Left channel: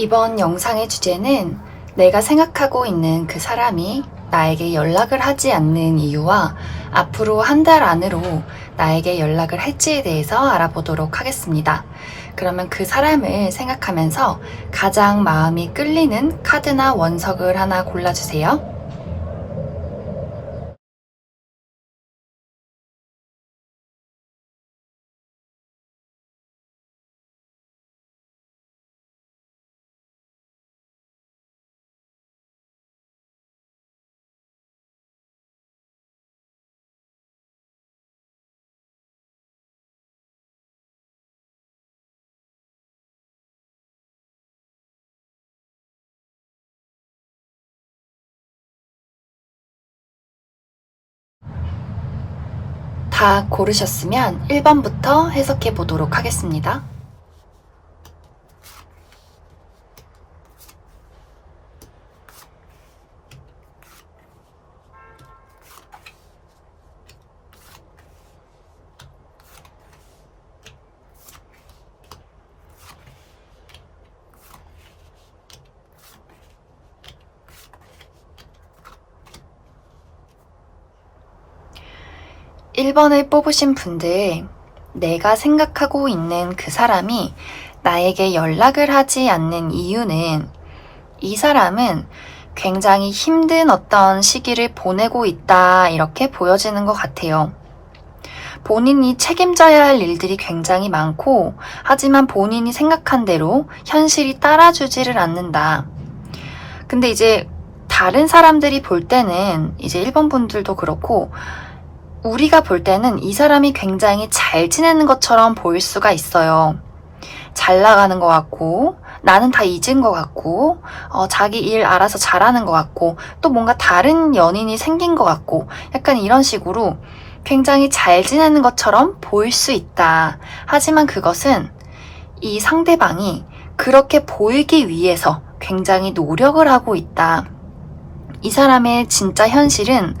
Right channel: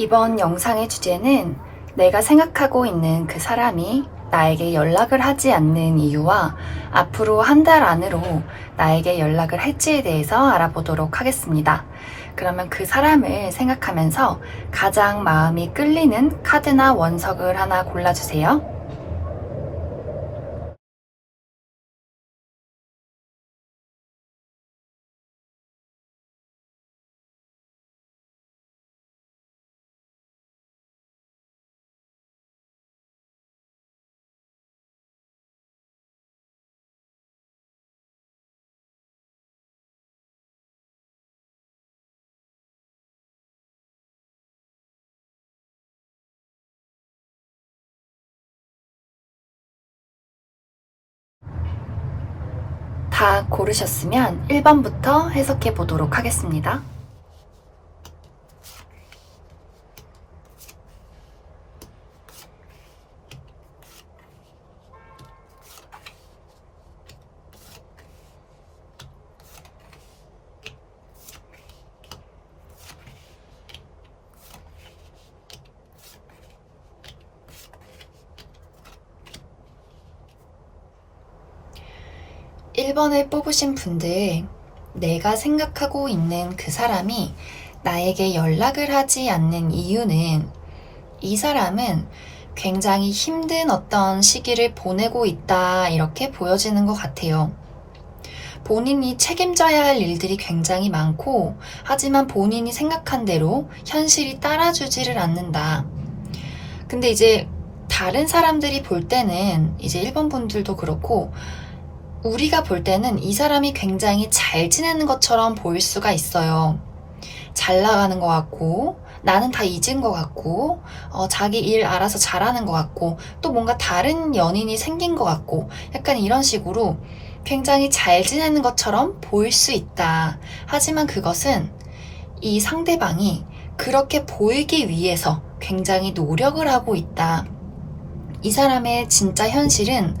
이번 영상의 주제는 내가 생각하고 있는 그 사람이 나에게 연락을 하지 않는 이유와 앞으로 한 달 안으로 나에게 연락을 할지에 대해서 알아보도록 하겠습니다. 그러면 그 사람을 생각하면서 가장 마음이 끌리는 카드나 원석을 하나 골라주세요. 다 고르셨으면 1번부터 해석해 보도록 하겠습니다. 1번을 뽑으신 분들, 내가 생각하고 있는 그 사람이 나에게 연락을 하지 않는 이유는 이 사람은 굉장히 힘든 어떤 시기를 보내고 있다, 이렇게 보여지는 것 같아요. 본인이 책임져야 할 일들이 굉장히 많고, 하지만 본인이 생각한 대로 현실이 따라주지를 않는다. 근데 이제 다른 사람들이 볼 때는, 이제 1번 분들도 그렇고, 우리가 볼 때는 이 사람이 굉장히 잘 지내는 것처럼 보일 수가 있어요. 잘 나가는 것 같고, 나는 다 잊은 것 같고, 자기 일 알아서 잘하는 것 같고, 또 뭔가 다른 연인이 생긴 것 같고, 약간 이런 식으로 굉장히 잘 지내는 것처럼 보일 수 있다. 하지만 그것은 이 상대방이 그렇게 보이기 위해서 굉장히 노력을 하고 있다. 이 사람의 진짜 현실은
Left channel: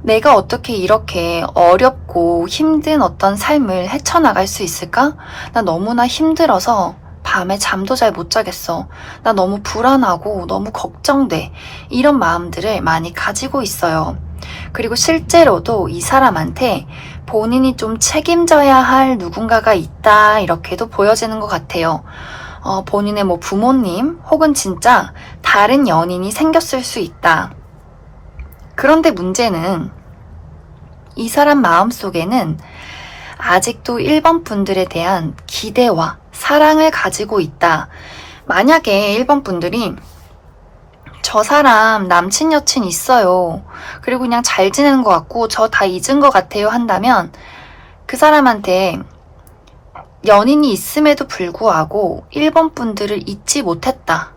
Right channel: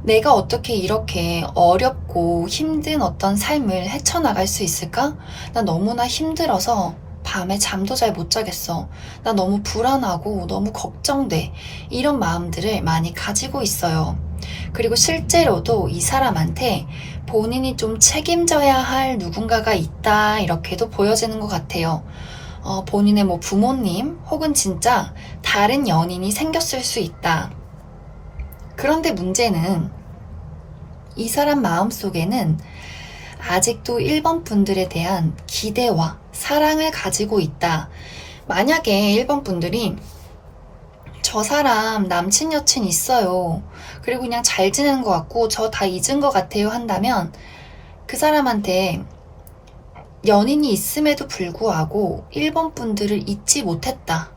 내가 어떻게 이렇게 어렵고 힘든 어떤 삶을 헤쳐나갈 수 있을까? 나 너무나 힘들어서 밤에 잠도 잘 못 자겠어. 나 너무 불안하고 너무 걱정돼. 이런 마음들을 많이 가지고 있어요. 그리고 실제로도 이 사람한테 본인이 좀 책임져야 할 누군가가 있다, 이렇게도 보여지는 것 같아요. 본인의 뭐 부모님 혹은 진짜 다른 연인이 생겼을 수 있다. 그런데 문제는 이 사람 마음속에는 아직도 1번 분들에 대한 기대와 사랑을 가지고 있다. 만약에 1번 분들이 저 사람 남친 여친 있어요. 그리고 그냥 잘 지내는 것 같고 저 다 잊은 것 같아요 한다면 그 사람한테 연인이 있음에도 불구하고 1번 분들을 잊지 못했다.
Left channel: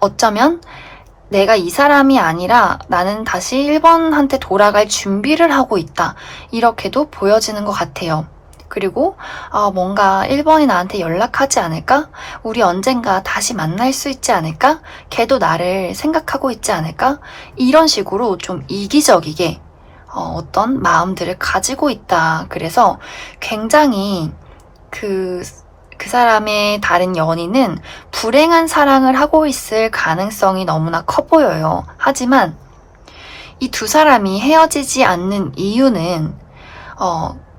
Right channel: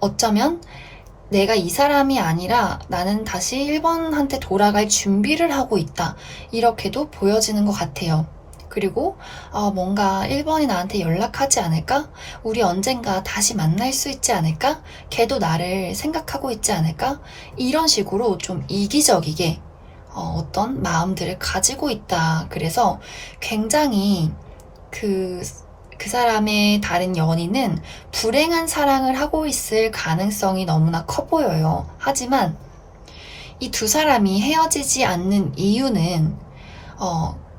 어쩌면 내가 이 사람이 아니라 나는 다시 1번한테 돌아갈 준비를 하고 있다. 이렇게도 보여지는 것 같아요. 그리고 뭔가 1번이 나한테 연락하지 않을까? 우리 언젠가 다시 만날 수 있지 않을까? 걔도 나를 생각하고 있지 않을까? 이런 식으로 좀 이기적이게 어떤 마음들을 가지고 있다. 그래서 굉장히 그 사람의 다른 연인은 불행한 사랑을 하고 있을 가능성이 너무나 커 보여요. 하지만 이 두 사람이 헤어지지 않는 이유는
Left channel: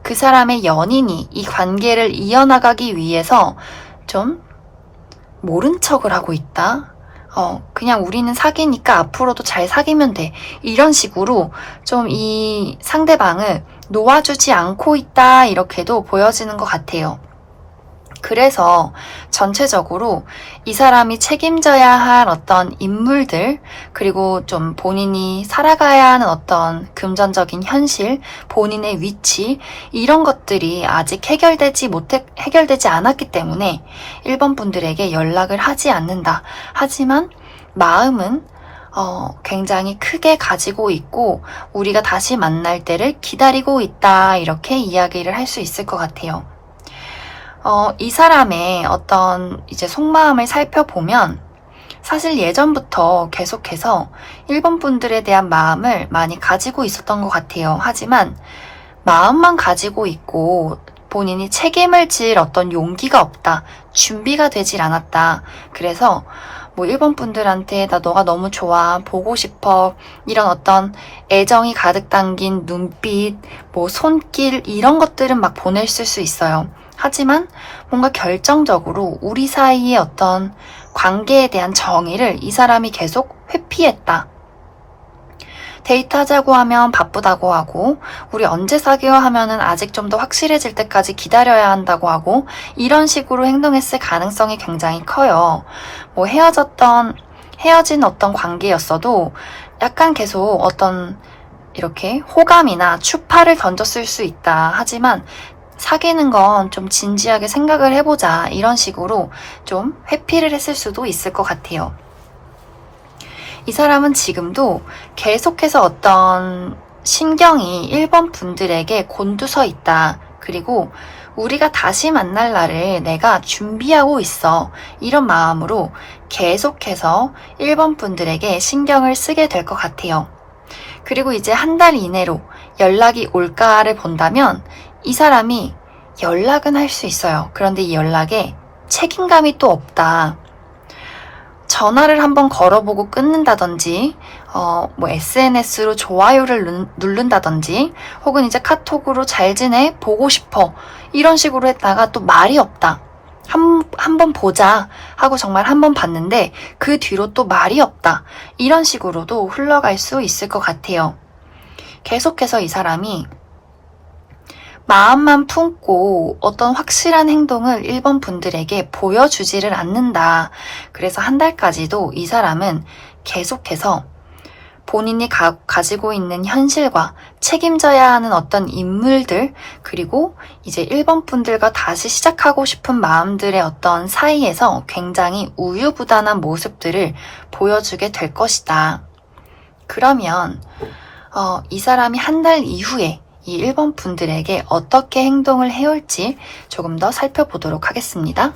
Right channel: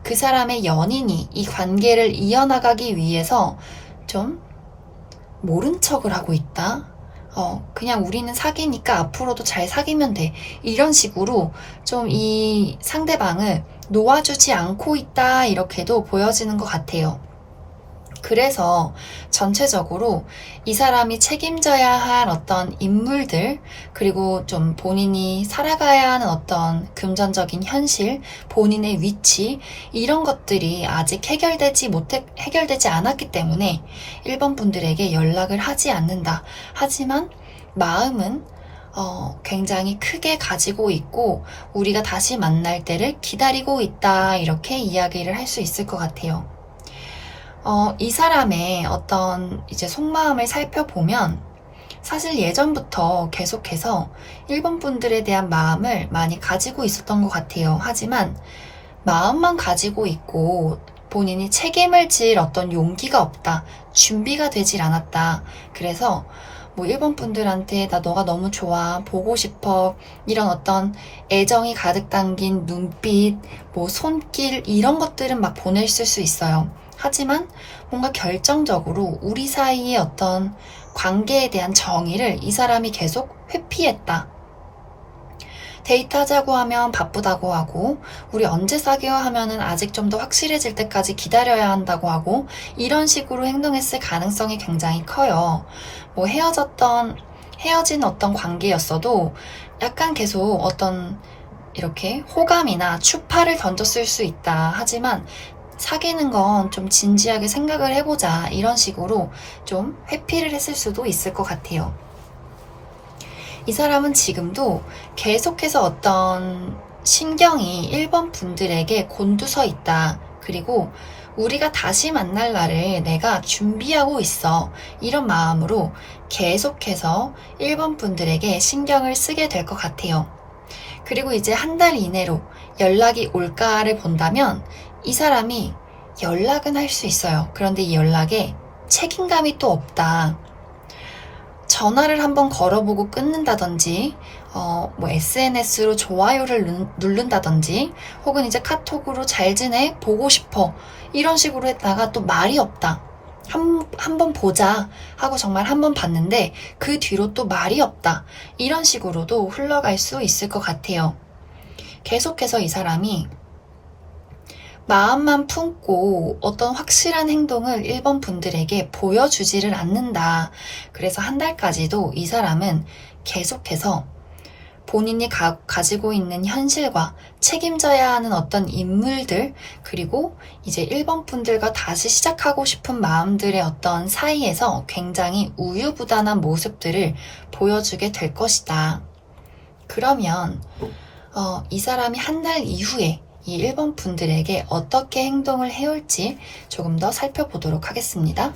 그 사람의 연인이 이 관계를 이어나가기 위해서 좀 모른 척을 하고 있다. 그냥 우리는 사귀니까 앞으로도 잘 사귀면 돼. 이런 식으로 좀 이 상대방을 놓아주지 않고 있다, 이렇게도 보여지는 것 같아요. 그래서 전체적으로 이 사람이 책임져야 할 어떤 인물들, 그리고 좀 본인이 살아가야 하는 어떤 금전적인 현실, 본인의 위치, 이런 것들이 아직 해결되지 않았기 때문에 1번 분들에게 연락을 하지 않는다. 하지만 마음은 굉장히 크게 가지고 있고 우리가 다시 만날 때를 기다리고 있다, 이렇게 이야기를 할 수 있을 것 같아요. 이 사람의 어떤 이제 속마음을 살펴보면 사실 예전부터 계속해서 1번 분들에 대한 마음을 많이 가지고 있었던 것 같아요. 하지만 마음만 가지고 있고 본인이 책임을 질 어떤 용기가 없다. 준비가 되질 않았다. 그래서 뭐 1번 분들한테 나 너가 너무 좋아, 보고 싶어, 이런 어떤 애정이 가득 담긴 눈빛, 뭐 손길 이런 것들은 막 보냈을 수 있어요. 하지만 뭔가 결정적으로 우리 사이의 어떤 관계에 대한 정의를 이 사람이 계속 회피했다. 데이트하자고 하면 바쁘다고 하고, 우리 언제 사귀어 하면은 아직 좀 더 확실해질 때까지 기다려야 한다고 하고, 이런 식으로 행동했을 가능성이 굉장히 커요. 뭐 헤어진 어떤 관계였어도 약간 계속 어떤 이렇게 호감이나 추파를 던졌을 수 있다. 하지만 사귀는 건 좀 진지하게 생각을 해보자. 이런 식으로 좀 회피를 했을 수도 있을 것 같아요. 이 사람은 지금도 계속해서 어떤 신경이 1번 분들에게 곤두서 있다. 그리고 우리가 다시 만날 날을 내가 준비하고 있어. 이런 마음으로 계속해서 1번 분들에게 신경을 쓰게 될 것 같아요. 그리고 이제 한 달 이내로 연락이 올까를 본다면 이 사람이 연락은 할 수 있어요. 그런데 이 연락에 책임감이 또 없다. 전화를 한번 걸어보고 끊는다든지, 뭐 SNS로 좋아요를 누른다든지, 혹은 이제 카톡으로 잘 지내? 보고 싶어. 이런 식으로 했다가 또 말이 없다. 한번 보자 하고 정말 한번 봤는데 그 뒤로 또 말이 없다. 이런 식으로도 흘러갈 수 있을 것 같아요. 계속해서 이 사람이 마음만 품고 어떤 확실한 행동을 1번 분들에게 보여주지를 않는다. 그래서 한 달까지도 이 사람은 계속해서 본인이 가지고 있는 현실과 책임져야 하는 어떤 인물들, 그리고 이제 1번 분들과 다시 시작하고 싶은 마음들의 어떤 사이에서 굉장히 우유부단한 모습들을 보여주게 될 것이다. 그러면 이 사람이 한 달 이후에 이 1번 분들에게 어떻게 행동을 해올지 조금 더 살펴보도록 하겠습니다.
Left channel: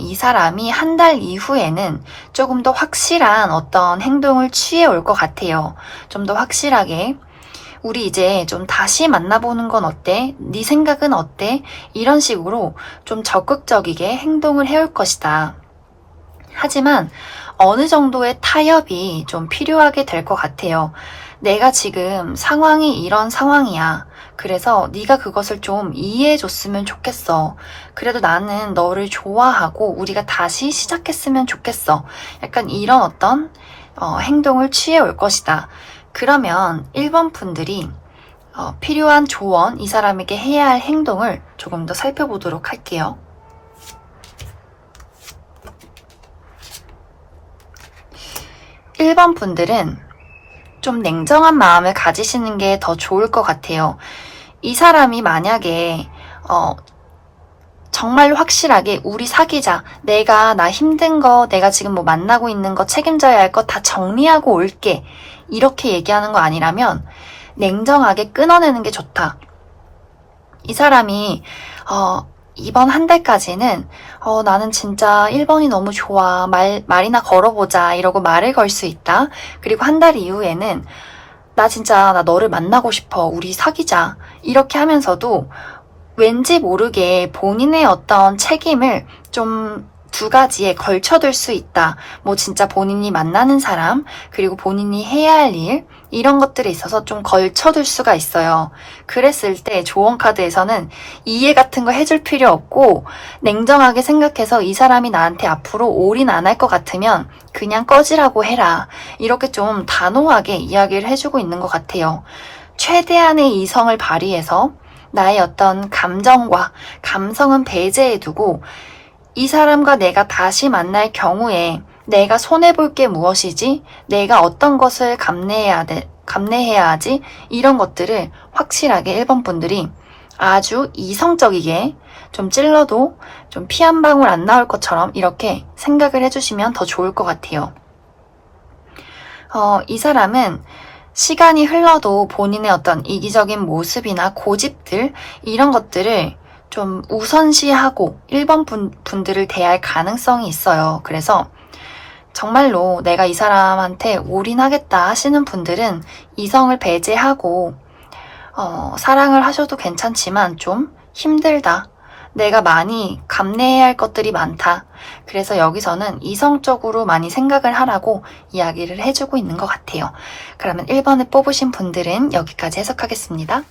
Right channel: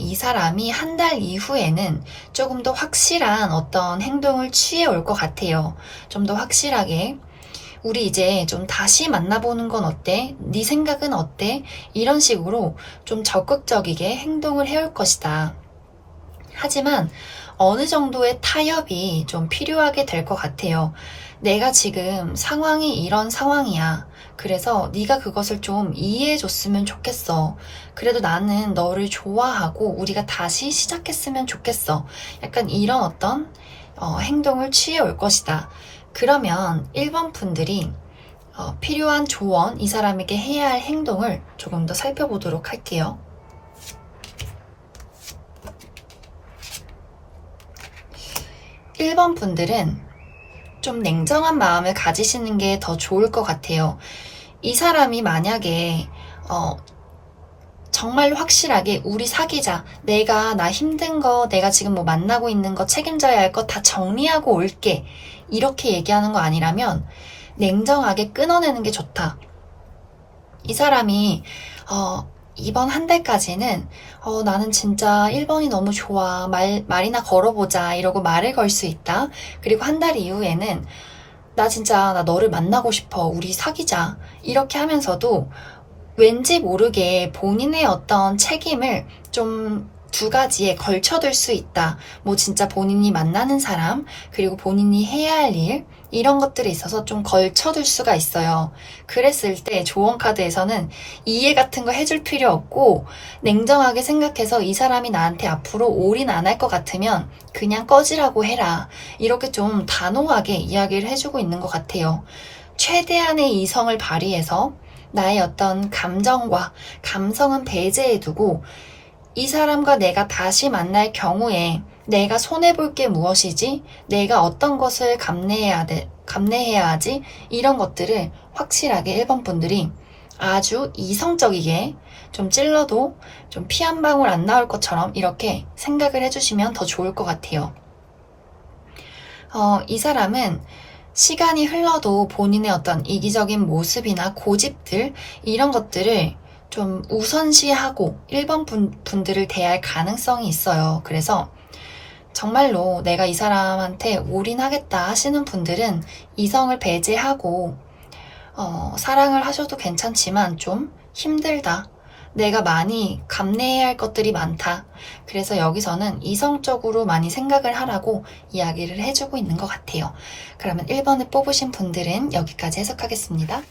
이 사람이 한 달 이후에는 조금 더 확실한 어떤 행동을 취해 올 것 같아요. 좀 더 확실하게 우리 이제 좀 다시 만나보는 건 어때? 네 생각은 어때? 이런 식으로 좀 적극적이게 행동을 해올 것이다. 하지만 어느 정도의 타협이 좀 필요하게 될 것 같아요. 내가 지금 상황이 이런 상황이야. 그래서 네가 그것을 좀 이해해줬으면 좋겠어. 그래도 나는 너를 좋아하고 우리가 다시 시작했으면 좋겠어. 약간 이런 어떤 행동을 취해 올 것이다. 그러면 1번 분들이 필요한 조언, 이 사람에게 해야 할 행동을 조금 더 살펴보도록 할게요. (1번) 분들은 좀 냉정한 마음을 가지시는 게 더 좋을 것 같아요. 이 사람이 만약에 정말 확실하게 우리 사귀자, 나 힘든 거, 내가 지금 뭐 만나고 있는 거, 책임져야 할 거 다 정리하고 올게, 이렇게 얘기하는 거 아니라면 냉정하게 끊어내는 게 좋다. 이 사람이 이번 한 달까지는 나는 진짜 1번이 너무 좋아, 말이나 걸어보자, 이러고 말을 걸 수 있다. 그리고 한 달 이후에는 나 너를 만나고 싶어, 우리 사귀자, 이렇게 하면서도 왠지 모르게 본인의 어떤 책임을 좀 두 가지에 걸쳐둘 수 있다. 뭐 진짜 본인이 만나는 사람, 그리고 본인이 해야 할 일, 이런 것들에 있어서 좀 걸쳐둘 수가 있어요. 그랬을 때 조언 카드에서는 이해 같은 거 해줄 필요 없고 냉정하게 생각해서 이 사람이 나한테 앞으로 올인 안 할 것 같으면 그냥 꺼지라고 해라. 이렇게 좀 단호하게 이야기를 해주고 있는 것 같아요. 최대한의 이성을 발휘해서 나의 어떤 감정과 감성은 배제해두고 이 사람과 내가 다시 만날 경우에 내가 손해볼 게 무엇이지? 내가 어떤 것을 감내해야 하지? 이런 것들을 확실하게 1번 분들이 아주 이성적이게 좀 찔러도 좀 피 한 방울 안 나올 것처럼 이렇게 생각을 해주시면 더 좋을 것 같아요. 이 사람은 시간이 흘러도 본인의 어떤 이기적인 모습이나 고집들, 이런 것들을 좀 우선시하고 1번 분들을 대할 가능성이 있어요. 그래서 정말로 내가 이 사람한테 올인하겠다 하시는 분들은 이성을 배제하고 사랑을 하셔도 괜찮지만 좀 힘들다. 내가 많이 감내해야 할 것들이 많다. 그래서 여기서는 이성적으로 많이 생각을 하라고 이야기를 해주고 있는 것 같아요. 그러면 1번을 뽑으신 분들은 여기까지 해석하겠습니다.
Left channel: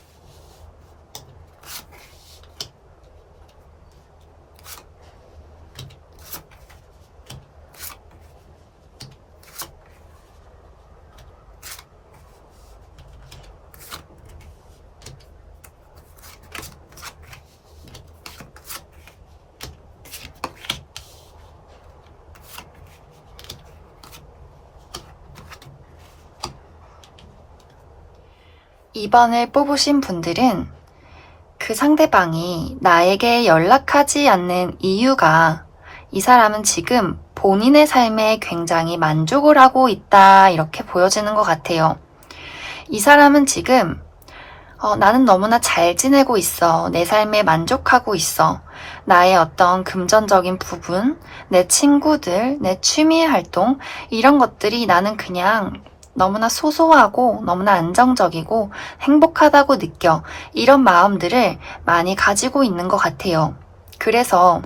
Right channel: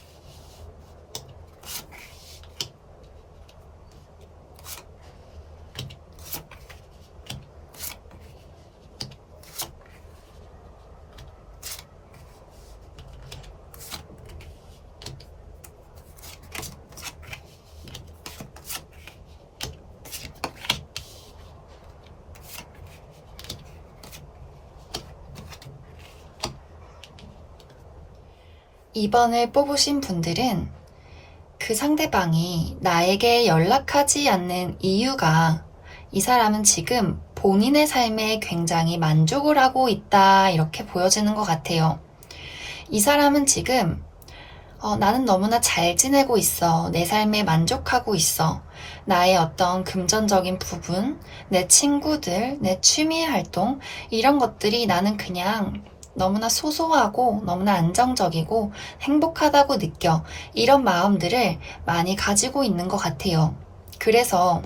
2번을 뽑으신 분들은 그 상대방이 나에게 연락하지 않는 이유가 이 사람은 지금 본인의 삶에 굉장히 만족을 하고 있다, 이렇게 보여지는 것 같아요. 이 사람은 지금 나는 너무나 잘 지내고 있어. 내 삶에 만족하고 있어. 나의 어떤 금전적인 부분, 내 친구들, 내 취미 활동, 이런 것들이 나는 그냥 너무나 소소하고 너무나 안정적이고 행복하다고 느껴. 이런 마음들을 많이 가지고 있는 것 같아요. 그래서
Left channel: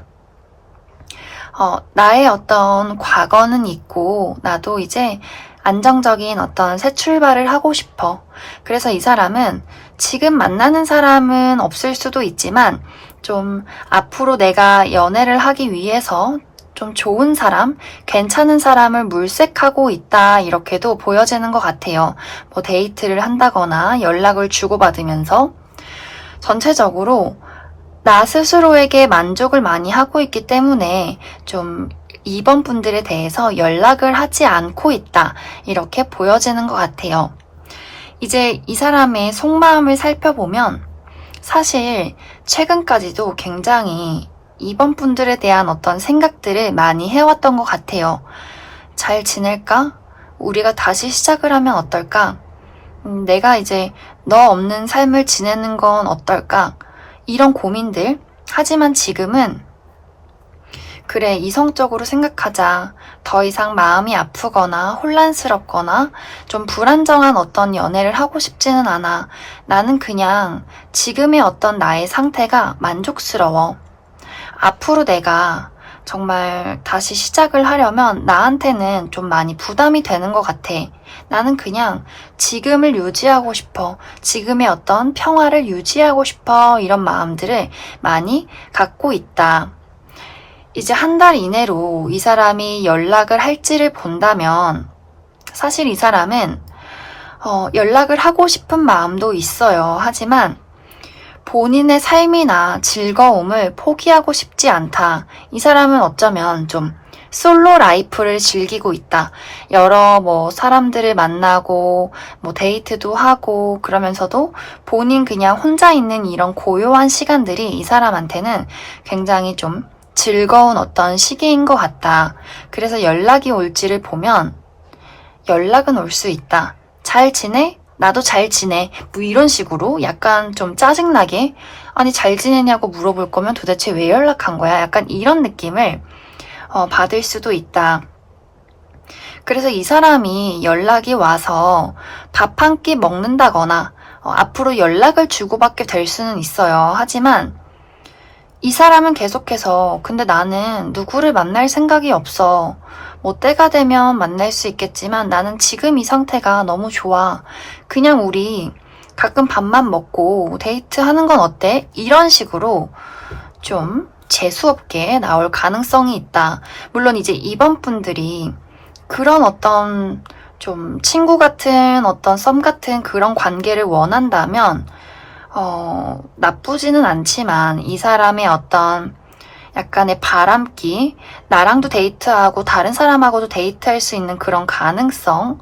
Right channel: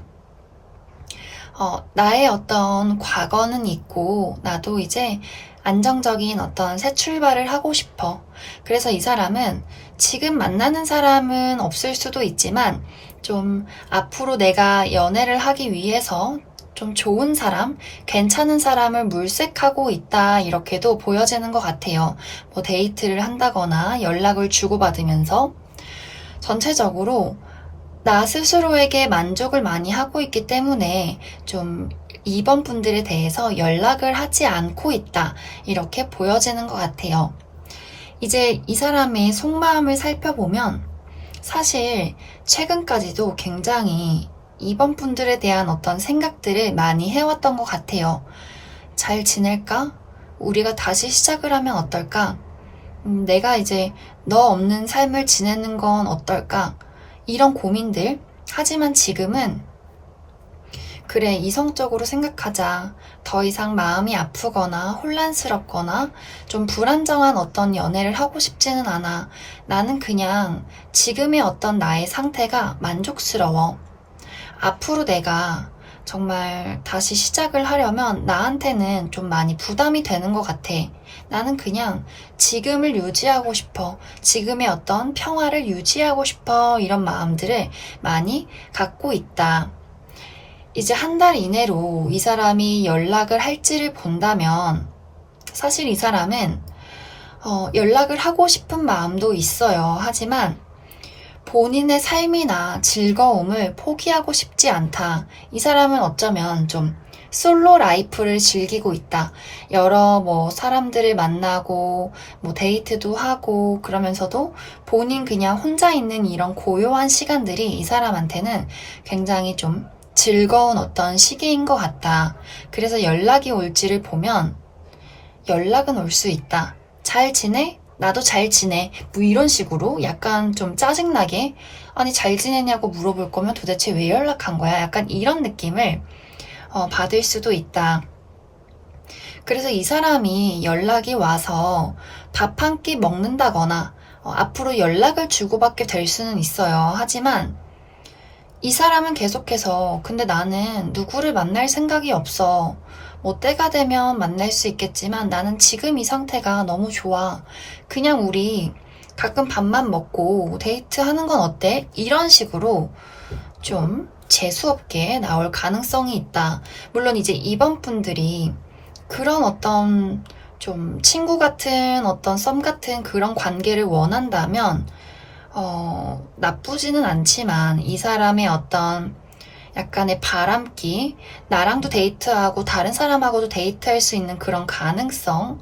나의 어떤 과거는 있고 나도 이제 안정적인 어떤 새 출발을 하고 싶어. 그래서 이 사람은 지금 만나는 사람은 없을 수도 있지만 좀 앞으로 내가 연애를 하기 위해서 좀 좋은 사람, 괜찮은 사람을 물색하고 있다, 이렇게도 보여지는 것 같아요. 뭐 데이트를 한다거나 연락을 주고받으면서 전체적으로 나 스스로에게 만족을 많이 하고 있기 때문에 좀 2번 분들에 대해서 연락을 하지 않고 있다, 이렇게 보여지는 것 같아요. 이제 이 사람의 속마음을 살펴보면 사실 최근까지도 굉장히 2번 분들에 대한 어떤 생각들을 많이 해왔던 것 같아요. 잘 지낼까? 우리가 다시 시작을 하면 어떨까? 내가 이제 너 없는 삶을 지내는 건 어떨까? 이런 고민들. 하지만 지금은 그래, 이성적으로 생각하자. 더 이상 마음이 아프거나 혼란스럽거나 좀 불안정한 어떤 연애를 하고 싶지는 않아. 나는 그냥 지금의 어떤 나의 상태가 만족스러워. 앞으로 내가 정말 다시 시작을 하려면 나한테는 좀 많이 부담이 되는 것 같아. 나는 그냥 지금을 유지하고 싶어. 지금의 어떤 평화를 유지하고 싶어. 이런 마음들을 많이 갖고 있다. 이제 한 달 이내로 이 사람이 연락을 할지를 본다면 사실 이 사람은 연락을 하고 싶은 마음도 있어요. 하지만 본인의 삶이나 즐거움을 포기하고 싶지 않다. 이 사람은 어쩌면 좀 솔로 라이프를 즐기고 있다. 여러 사람들을 만나고 데이트도 하고 그러면서도 본인 그냥 혼자 있는 이런 고요한 시간들이 이 사람한테는 굉장히 좀 즐거운 어떤 시기인 것 같다. 그래서 연락이 올지를 보면 연락은 올 수 있다. 잘 지내? 나도 잘 지내. 이런 식으로 약간 좀 짜증나게 아니 잘 지내냐고 물어볼 거면 도대체 왜 연락한 거야? 약간 이런 느낌을 받을 수도 있다. 그래서 이 사람이 연락이 와서 밥 한 끼 먹는다거나 앞으로 연락을 주고받게 될 수는 있어요. 하지만 이 사람은 계속해서 근데 나는 누구를 만날 생각이 없어. 때가 되면 만날 수 있겠지만 나는 지금 이 상태가 너무 좋아. 그냥 우리 가끔 밥만 먹고 데이트하는 건 어때? 이런 식으로 좀 재수없게 나올 가능성이 있다. 물론 이제 2번 분들이 그런 어떤 좀 친구 같은 어떤 썸 같은 그런 관계를 원한다면 나쁘지는 않지만 이 사람의 어떤 약간의 바람기, 나랑도 데이트하고 다른 사람하고도 데이트할 수 있는 그런 가능성,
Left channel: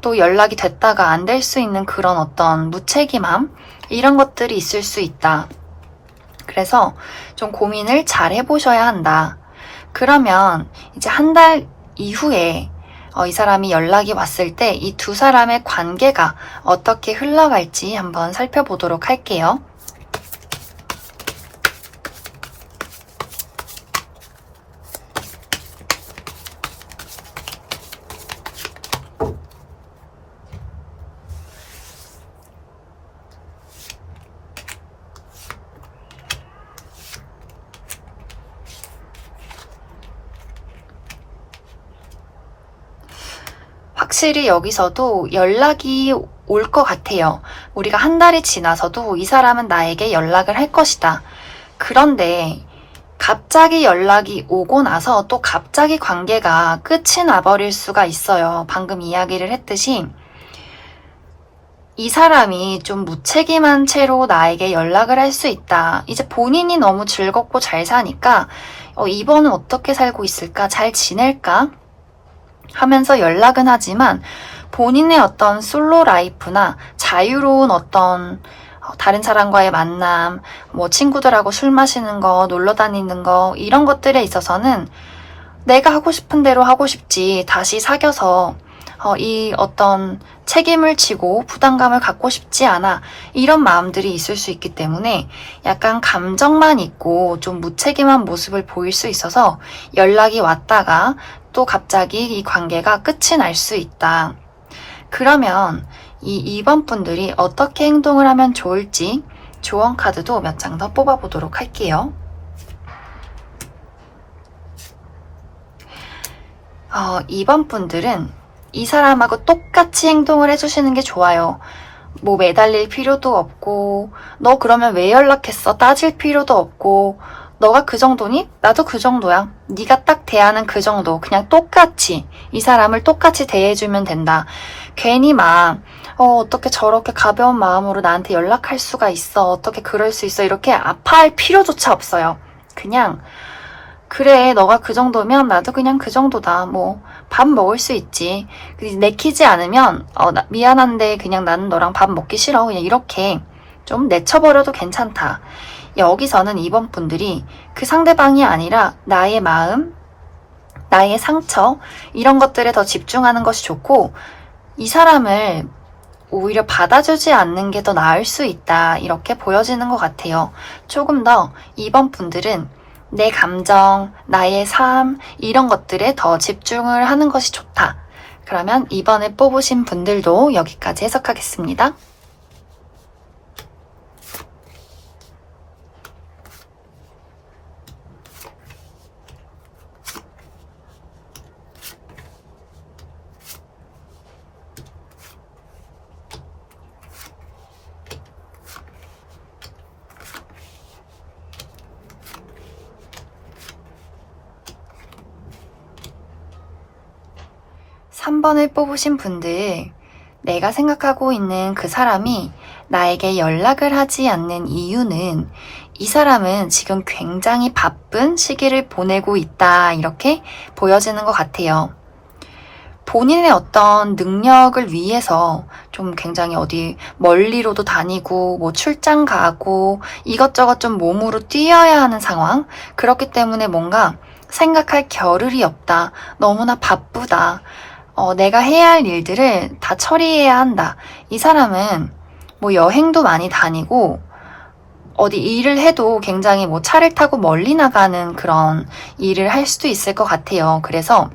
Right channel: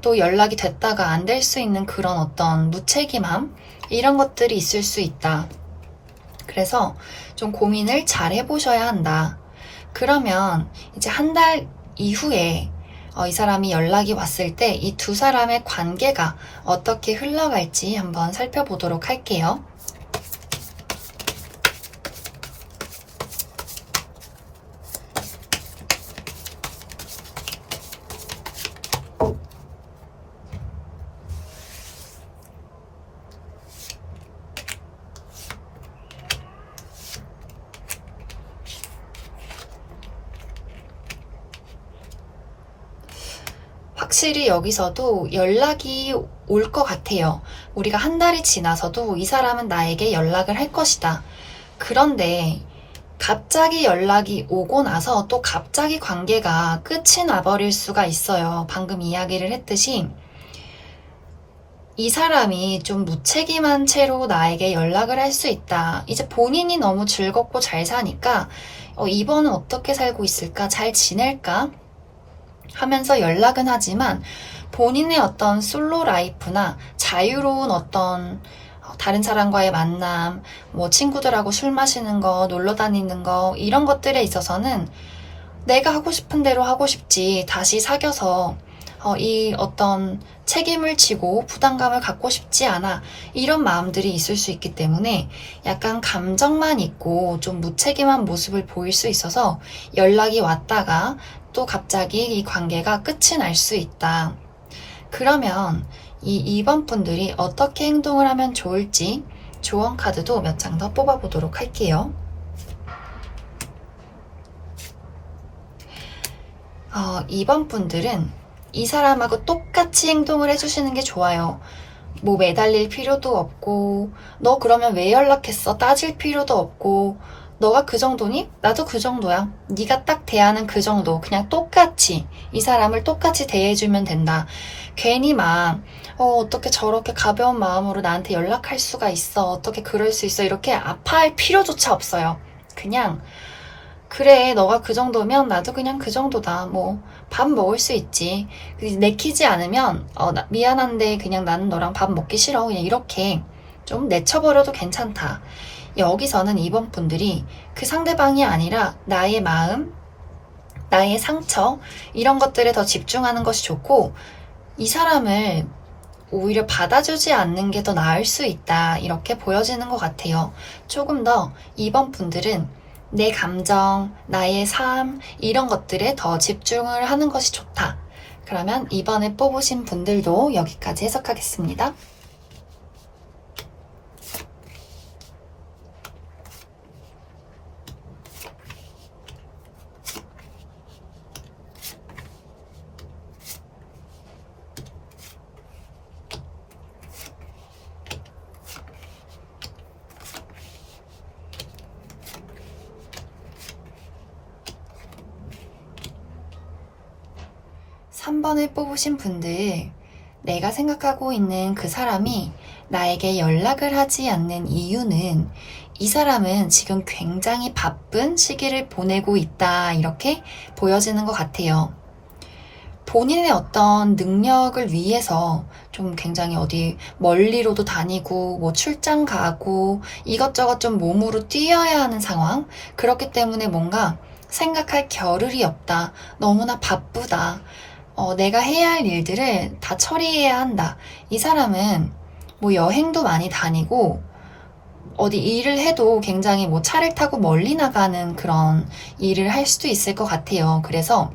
또 연락이 됐다가 안 될 수 있는 그런 어떤 무책임함, 이런 것들이 있을 수 있다. 그래서 좀 고민을 잘 해보셔야 한다. 그러면 이제 한 달 이후에 이 사람이 연락이 왔을 때 이 두 사람의 관계가 어떻게 흘러갈지 한번 살펴보도록 할게요. 확실히 여기서도 연락이 올 것 같아요. 우리가 한 달이 지나서도 이 사람은 나에게 연락을 할 것이다. 그런데 갑자기 연락이 오고 나서 또 갑자기 관계가 끝이 나버릴 수가 있어요. 방금 이야기를 했듯이 이 사람이 좀 무책임한 채로 나에게 연락을 할 수 있다. 이제 본인이 너무 즐겁고 잘 사니까 이번은 어떻게 살고 있을까? 잘 지낼까? 하면서 연락은 하지만 본인의 어떤 솔로 라이프나 자유로운 어떤 다른 사람과의 만남, 뭐 친구들하고 술 마시는 거, 놀러 다니는 거 이런 것들에 있어서는 내가 하고 싶은 대로 하고 싶지 다시 사귀어서 이 어떤 책임을 지고 부담감을 갖고 싶지 않아 이런 마음들이 있을 수 있기 때문에 약간 감정만 있고 좀 무책임한 모습을 보일 수 있어서 연락이 왔다가 또 갑자기 이 관계가 끝이 날 수 있다. 그러면 이 2번 분들이 어떻게 행동을 하면 좋을지 조언 카드도 몇 장 더 뽑아보도록 할게요. 2번 분들은 이 사람하고 똑같이 행동을 해주시는 게 좋아요. 뭐 매달릴 필요도 없고 너 그러면 왜 연락했어? 따질 필요도 없고 너가 그 정도니? 나도 그 정도야. 네가 딱 대하는 그 정도. 그냥 똑같이 이 사람을 똑같이 대해주면 된다. 괜히 막 어떻게 저렇게 가벼운 마음으로 나한테 연락할 수가 있어. 어떻게 그럴 수 있어. 이렇게 아파할 필요조차 없어요. 그냥 그래 너가 그 정도면 나도 그냥 그 정도다. 뭐 밥 먹을 수 있지. 내키지 않으면 미안한데 그냥 나는 너랑 밥 먹기 싫어. 그냥 이렇게 좀 내쳐버려도 괜찮다. 여기서는 2번 분들이 그 상대방이 아니라 나의 마음, 나의 상처 이런 것들에 더 집중하는 것이 좋고 이 사람을 오히려 받아주지 않는 게 더 나을 수 있다. 이렇게 보여지는 것 같아요. 조금 더 2번 분들은 내 감정, 나의 삶 이런 것들에 더 집중을 하는 것이 좋다. 그러면 이번에 뽑으신 분들도 여기까지 해석하겠습니다. 삼 3번을 뽑으신 분들, 내가 생각하고 있는 그 사람이 나에게 연락을 하지 않는 이유는 이 사람은 지금 굉장히 바쁜 시기를 보내고 있다. 이렇게 보여지는 것 같아요. 본인의 어떤 능력을 위해서 좀 굉장히 어디 멀리로도 다니고 뭐 출장 가고 이것저것 좀 몸으로 뛰어야 하는 상황. 그렇기 때문에 뭔가 생각할 겨를이 없다. 너무나 바쁘다. 내가 해야 할 일들을 다 처리해야 한다. 이 사람은 뭐 여행도 많이 다니고 어디 일을 해도 굉장히 뭐 차를 타고 멀리 나가는 그런 일을 할 수도 있을 것 같아요. 그래서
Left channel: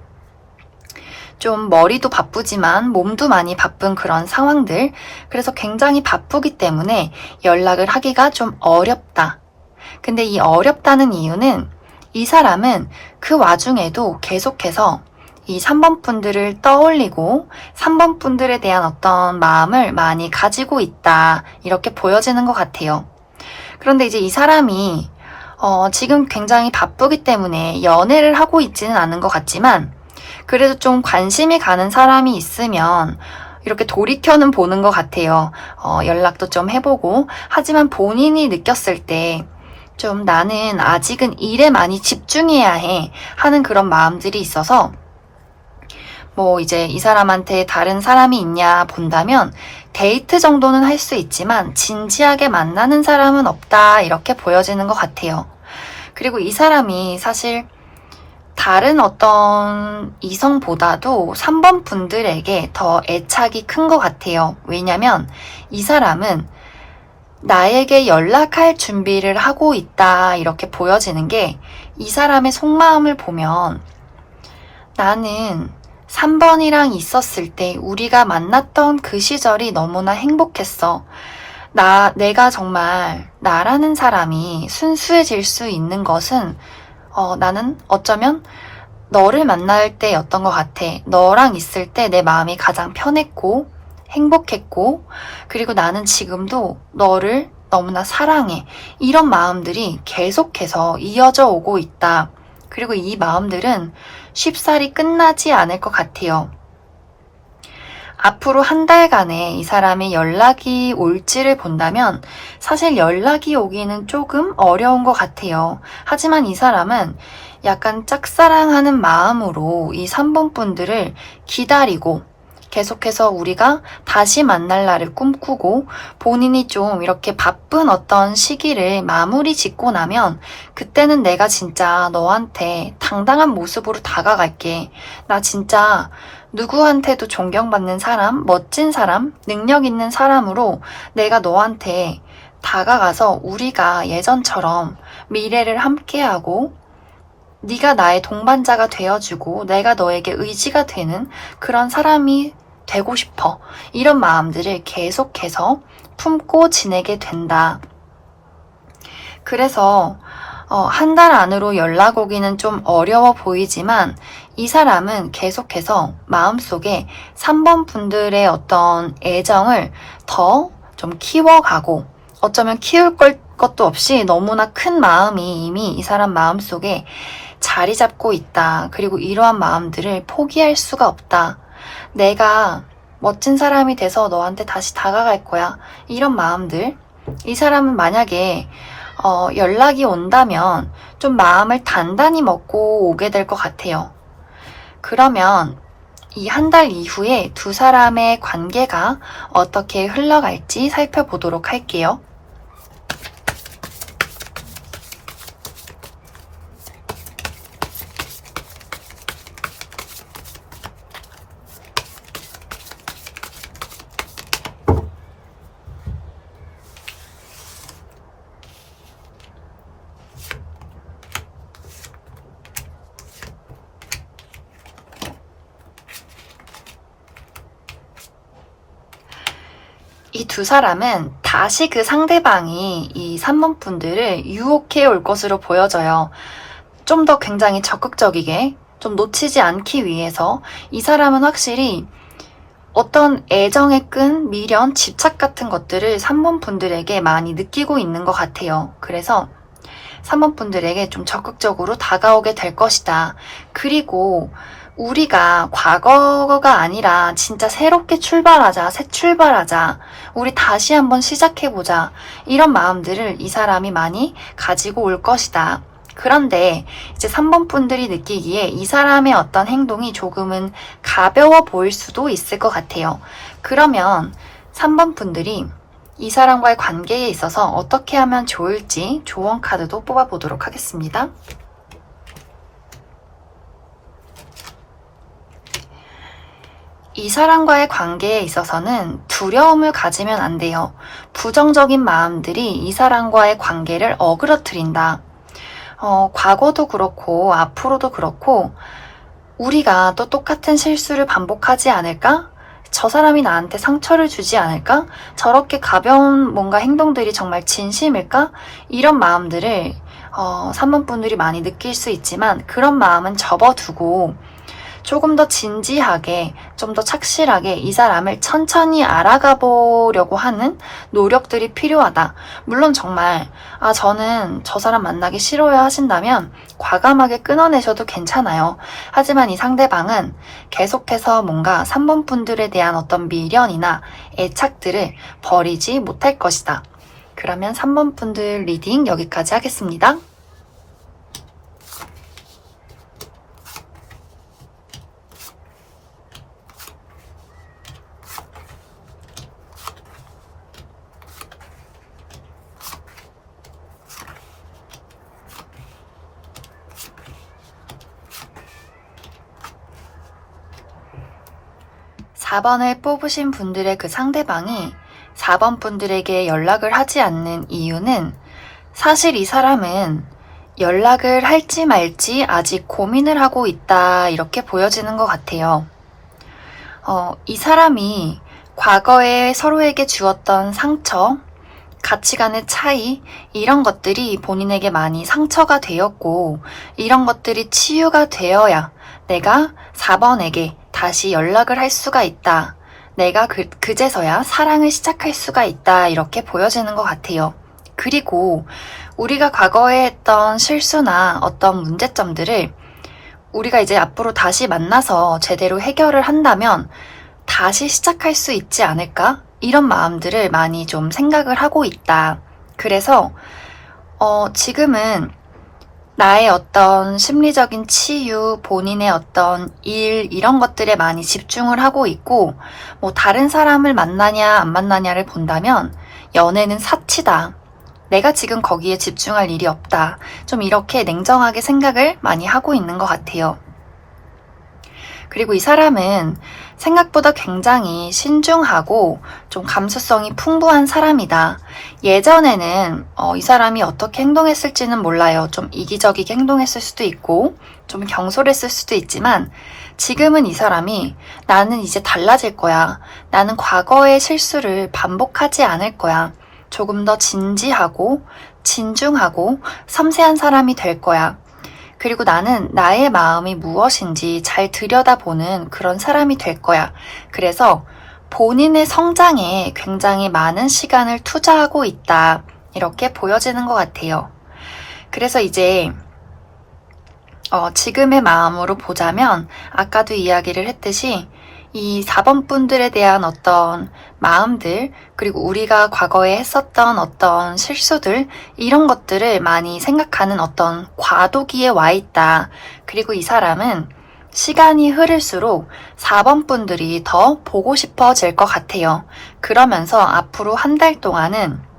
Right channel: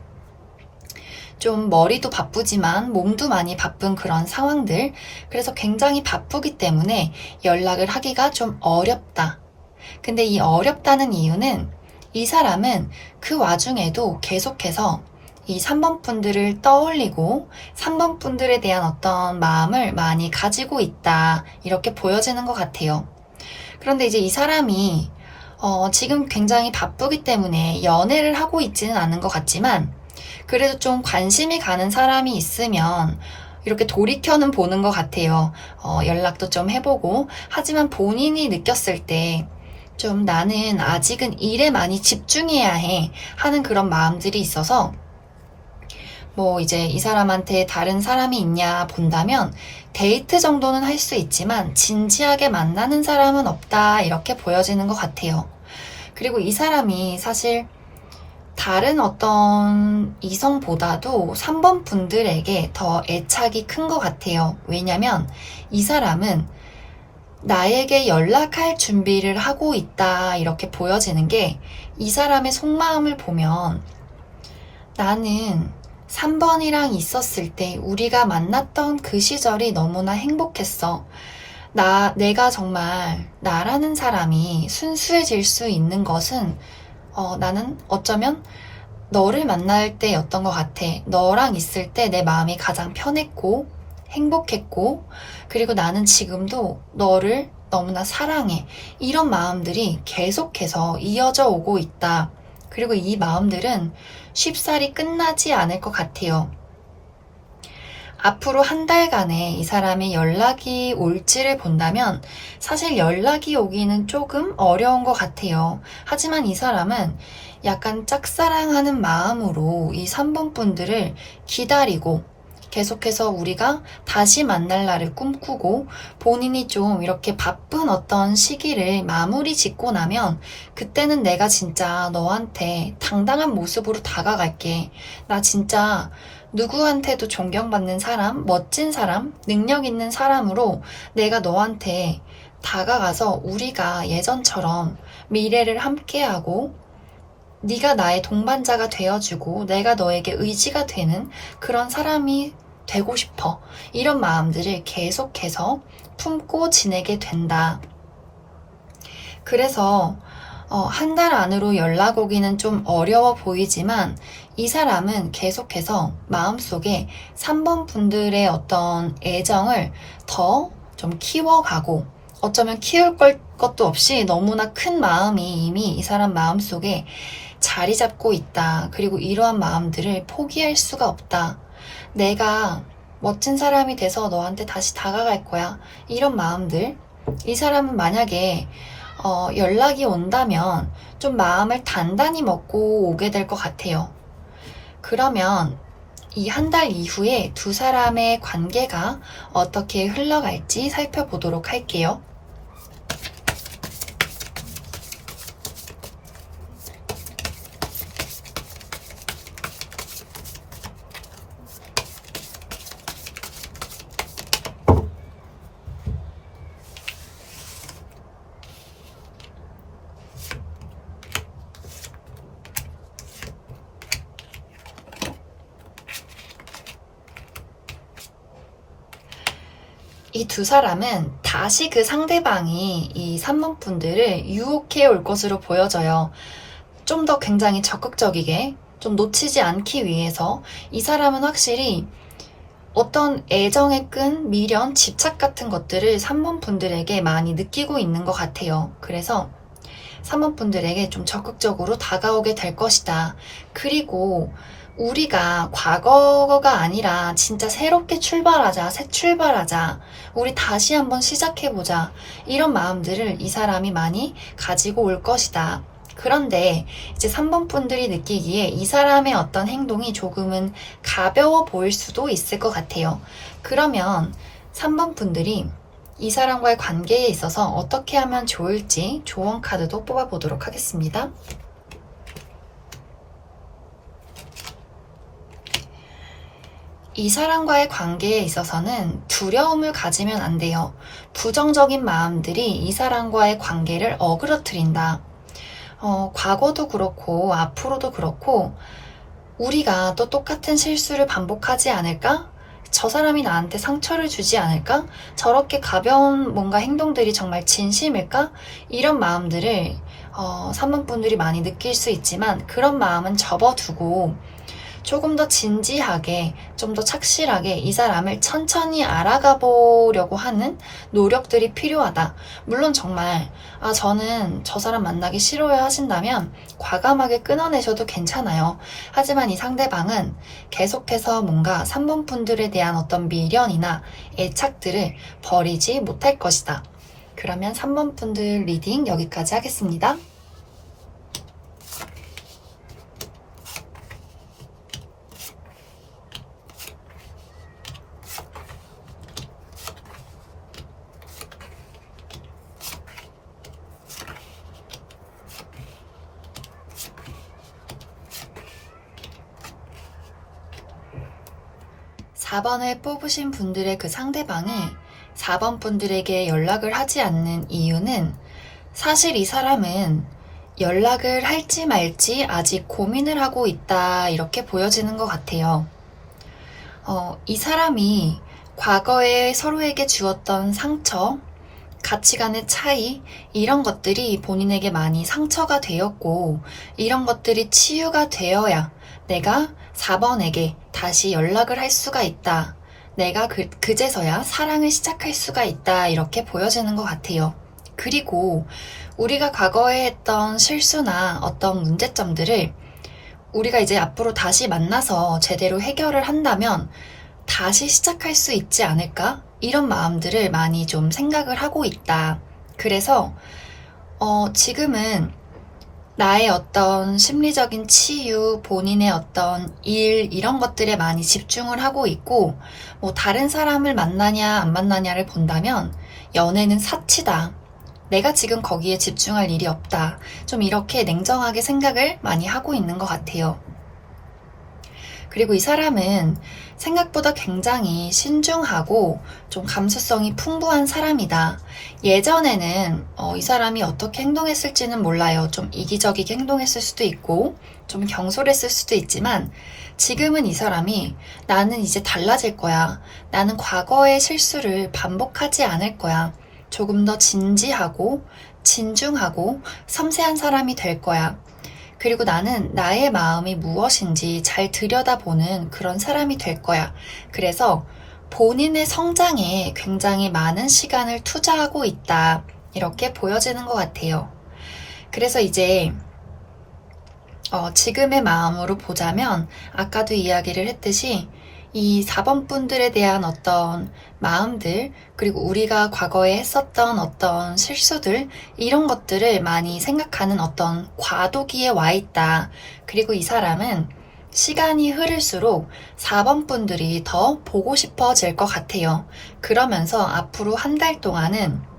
좀 머리도 바쁘지만 몸도 많이 바쁜 그런 상황들. 그래서 굉장히 바쁘기 때문에 연락을 하기가 좀 어렵다. 근데 이 어렵다는 이유는 이 사람은 그 와중에도 계속해서 이 3번 분들을 떠올리고 3번 분들에 대한 어떤 마음을 많이 가지고 있다. 이렇게 보여지는 것 같아요. 그런데 이제 이 사람이 지금 굉장히 바쁘기 때문에 연애를 하고 있지는 않은 것 같지만 그래도 좀 관심이 가는 사람이 있으면 이렇게 돌이켜는 보는 것 같아요. 연락도 좀 해보고. 하지만 본인이 느꼈을 때 좀 나는 아직은 일에 많이 집중해야 해 하는 그런 마음들이 있어서 뭐 이제 이 사람한테 다른 사람이 있냐 본다면 데이트 정도는 할 수 있지만 진지하게 만나는 사람은 없다. 이렇게 보여지는 것 같아요. 그리고 이 사람이 사실 다른 어떤 이성보다도 3번 분들에게 더 애착이 큰 것 같아요. 왜냐면 이 사람은 나에게 연락할 준비를 하고 있다 이렇게 보여지는 게 이 사람의 속마음을 보면 나는 3번이랑 있었을 때 우리가 만났던 그 시절이 너무나 행복했어. 내가 정말 나라는 사람이 순수해질 수 있는 것은 나는 어쩌면 너를 만날 때였던 것 같아. 너랑 있을 때 내 마음이 가장 편했고 행복했고 그리고 나는 지금도 너를 너무나 사랑해. 이런 마음들이 계속해서 이어져 오고 있다. 그리고 이 마음들은 쉽사리 끝나지 않을 것 같아요. 앞으로 한 달간의 이 사람이 연락이 올지를 본다면 사실 연락이 오기는 조금 어려운 것 같아요. 하지만 이 사람은 약간 짝사랑하는 마음으로 이 3번 분들을 기다리고 계속해서 우리가 다시 만날 날을 꿈꾸고 본인이 좀 이렇게 바쁜 어떤 시기를 마무리 짓고 나면 그때는 내가 진짜 너한테 당당한 모습으로 다가갈게. 나 진짜 누구한테도 존경받는 사람, 멋진 사람, 능력 있는 사람으로 내가 너한테 다가가서 우리가 예전처럼 미래를 함께하고 네가 나의 동반자가 되어주고 내가 너에게 의지가 되는 그런 사람이 되고 싶어. 이런 마음들을 계속해서 품고 지내게 된다. 그래서 한 달 안으로 연락 오기는 좀 어려워 보이지만 이 사람은 계속해서 마음속에 3번 분들의 어떤 애정을 더 좀 키워가고 어쩌면 키울 것도 없이 너무나 큰 마음이 이미 이 사람 마음속에 자리 잡고 있다. 그리고 이러한 마음들을 포기할 수가 없다. 내가 멋진 사람이 돼서 너한테 다시 다가갈 거야. 이런 마음들. 이 사람은 만약에 연락이 온다면 좀 마음을 단단히 먹고 오게 될 것 같아요. 그러면 이 한 달 이후에 두 사람의 관계가 어떻게 흘러갈지 살펴보도록 할게요. 이 두 사람은 다시 그 상대방이 이 3번 분들을 유혹해 올 것으로 보여져요. 좀 더 굉장히 적극적이게 좀 놓치지 않기 위해서 이 사람은 확실히 어떤 애정의 끈, 미련, 집착 같은 것들을 3번 분들에게 많이 느끼고 있는 것 같아요. 그래서 3번 분들에게 좀 적극적으로 다가오게 될 것이다. 그리고 우리가 과거가 아니라 진짜 새롭게 출발하자, 새 출발하자, 우리 다시 한번 시작해보자. 이런 마음들을 이 사람이 많이 가지고 올 것이다. 그런데 이제 3번 분들이 느끼기에 이 사람의 어떤 행동이 조금은 가벼워 보일 수도 있을 것 같아요. 그러면 3번 분들이 이 사람과의 관계에 있어서 어떻게 하면 좋을지 조언 카드도 뽑아보도록 하겠습니다. 이 사람과의 관계에 있어서는 두려움을 가지면 안 돼요. 부정적인 마음들이 이 사람과의 관계를 어그러뜨린다. 과거도 그렇고 앞으로도 그렇고 우리가 또 똑같은 실수를 반복하지 않을까? 저 사람이 나한테 상처를 주지 않을까? 저렇게 가벼운 뭔가 행동들이 정말 진심일까? 이런 마음들을 3번 분들이 많이 느낄 수 있지만 그런 마음은 접어두고 조금 더 진지하게, 좀 더 착실하게 이 사람을 천천히 알아가 보려고 하는 노력들이 필요하다. 물론 정말 저는 저 사람 만나기 싫어요 하신다면 과감하게 끊어내셔도 괜찮아요. 하지만 이 상대방은 계속해서 뭔가 3번 분들에 대한 어떤 미련이나 애착들을 버리지 못할 것이다. 그러면 3번 분들 리딩 여기까지 하겠습니다. 4번을 뽑으신 분들의 그 상대방이 4번 분들에게 연락을 하지 않는 이유는 사실 이 사람은 연락을 할지 말지 아직 고민을 하고 있다, 이렇게 보여지는 것 같아요. 이 사람이 과거에 서로에게 주었던 상처, 가치관의 차이, 이런 것들이 본인에게 많이 상처가 되었고, 이런 것들이 치유가 되어야 내가 4번에게 다시 연락을 할 수가 있다. 내가 그제서야 사랑을 시작할 수가 있다. 이렇게 보여지는 것 같아요. 그리고 우리가 과거에 했던 실수나 어떤 문제점들을 우리가 이제 앞으로 다시 만나서 제대로 해결을 한다면 다시 시작할 수 있지 않을까? 이런 마음들을 많이 좀 생각을 하고 있다. 그래서 지금은 나의 어떤 심리적인 치유, 본인의 어떤 일, 이런 것들에 많이 집중을 하고 있고, 뭐 다른 사람을 만나냐 안 만나냐를 본다면 연애는 사치다. 내가 지금 거기에 집중할 일이 없다. 좀 이렇게 냉정하게 생각을 많이 하고 있는 것 같아요. 그리고 이 사람은 생각보다 굉장히 신중하고 좀 감수성이 풍부한 사람이다. 예전에는 이 사람이 어떻게 행동했을지는 몰라요. 좀 이기적이게 행동했을 수도 있고 좀 경솔했을 수도 있지만 지금은 이 사람이 나는 이제 달라질 거야. 나는 과거의 실수를 반복하지 않을 거야. 조금 더 진지하고 진중하고 섬세한 사람이 될 거야. 그리고 나는 나의 마음이 무엇인지 잘 들여다보는 그런 사람이 될 거야. 그래서 본인의 성장에 굉장히 많은 시간을 투자하고 있다. 이렇게 보여지는 것 같아요. 그래서 이제 지금의 마음으로 보자면 아까도 이야기를 했듯이 이 4번 분들에 대한 어떤 마음들, 그리고 우리가 과거에 했었던 어떤 실수들, 이런 것들을 많이 생각하는 어떤 과도기에 와 있다. 그리고 이 사람은 시간이 흐를수록 4번 분들이 더 보고 싶어질 것 같아요. 그러면서 앞으로 한 달 동안은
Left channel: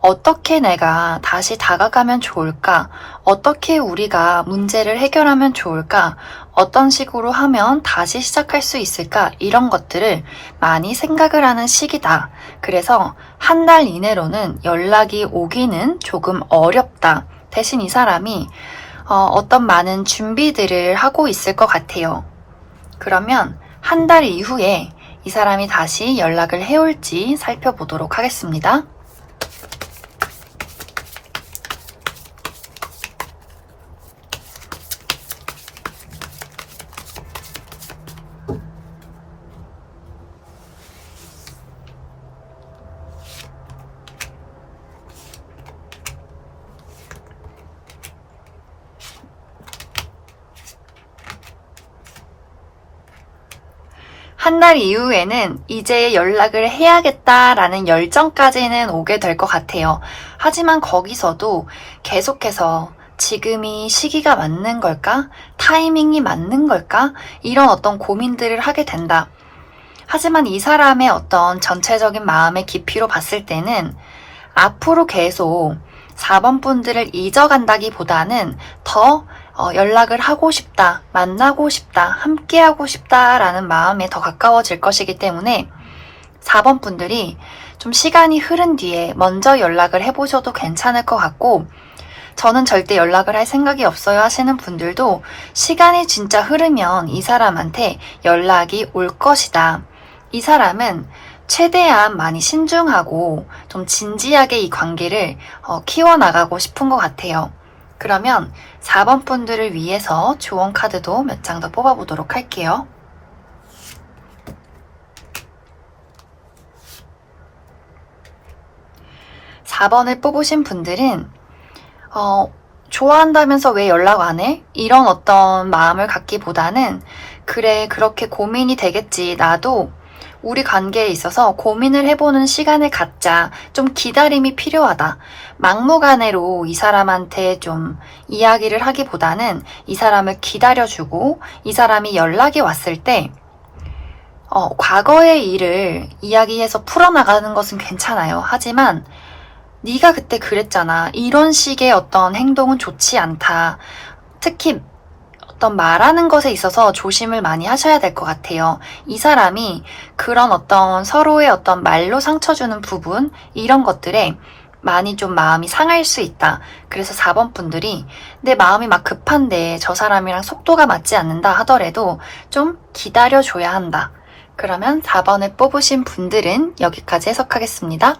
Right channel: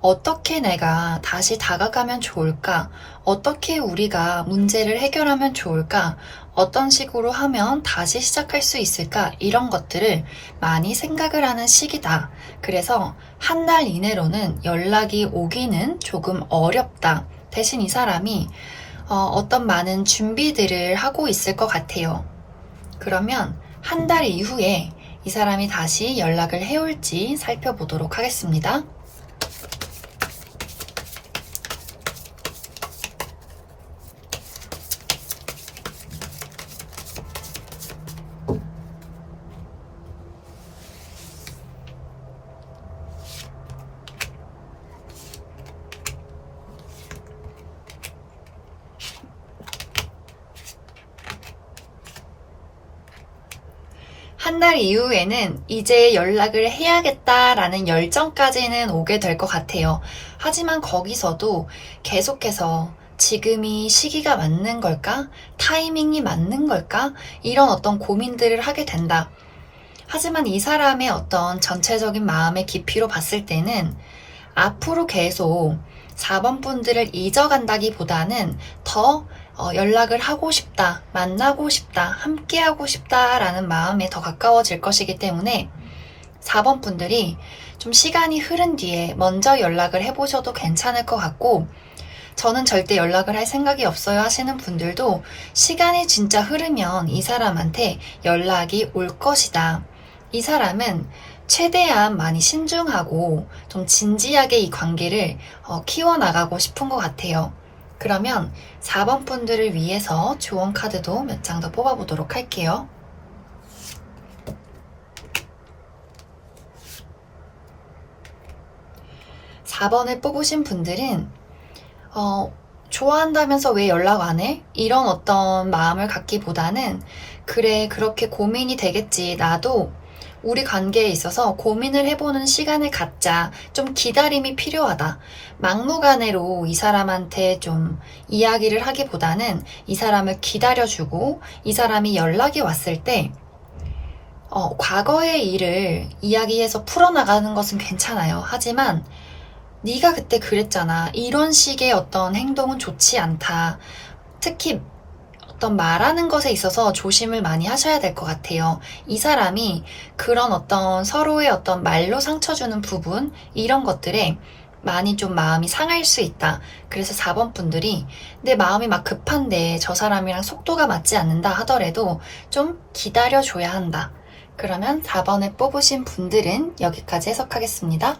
어떻게 내가 다시 다가가면 좋을까? 어떻게 우리가 문제를 해결하면 좋을까? 어떤 식으로 하면 다시 시작할 수 있을까? 이런 것들을 많이 생각을 하는 시기다. 그래서 한 달 이내로는 연락이 오기는 조금 어렵다. 대신 이 사람이 어떤 많은 준비들을 하고 있을 것 같아요. 그러면 한 달 이후에 이 사람이 다시 연락을 해올지 살펴보도록 하겠습니다. 한 달 이후에는 이제 연락을 해야겠다라는 열정까지는 오게 될 것 같아요. 하지만 거기서도 계속해서 지금이 시기가 맞는 걸까? 타이밍이 맞는 걸까? 이런 어떤 고민들을 하게 된다. 하지만 이 사람의 어떤 전체적인 마음의 깊이로 봤을 때는 앞으로 계속 4번 분들을 잊어간다기보다는 더 연락을 하고 싶다, 만나고 싶다, 함께하고 싶다라는 마음에 더 가까워질 것이기 때문에 4번 분들이 좀 시간이 흐른 뒤에 먼저 연락을 해보셔도 괜찮을 것 같고, 저는 절대 연락을 할 생각이 없어요 하시는 분들도 시간이 진짜 흐르면 이 사람한테 연락이 올 것이다. 이 사람은 최대한 많이 신중하고 좀 진지하게 이 관계를 키워나가고 싶은 것 같아요. 그러면 4번 분들을 위해서 조언 카드도 몇 장 더 뽑아보도록 할게요. (4번을) 뽑으신 분들은 좋아한다면서 왜 연락 안 해? 이런 어떤 마음을 갖기보다는 그래, 그렇게 고민이 되겠지. 나도 우리 관계에 있어서 고민을 해보는 시간을 갖자. 좀 기다림이 필요하다. 막무가내로 이 사람한테 좀 이야기를 하기보다는 이 사람을 기다려주고 이 사람이 연락이 왔을 때 과거의 일을 이야기해서 풀어나가는 것은 괜찮아요. 하지만 네가 그때 그랬잖아. 이런 식의 어떤 행동은 좋지 않다. 특히 어떤 말하는 것에 있어서 조심을 많이 하셔야 될 것 같아요. 이 사람이 그런 어떤 서로의 어떤 말로 상처 주는 부분, 이런 것들에 많이 좀 마음이 상할 수 있다. 그래서 4번 분들이 내 마음이 막 급한데 저 사람이랑 속도가 맞지 않는다 하더라도 좀 기다려줘야 한다. 그러면 4번을 뽑으신 분들은 여기까지 해석하겠습니다.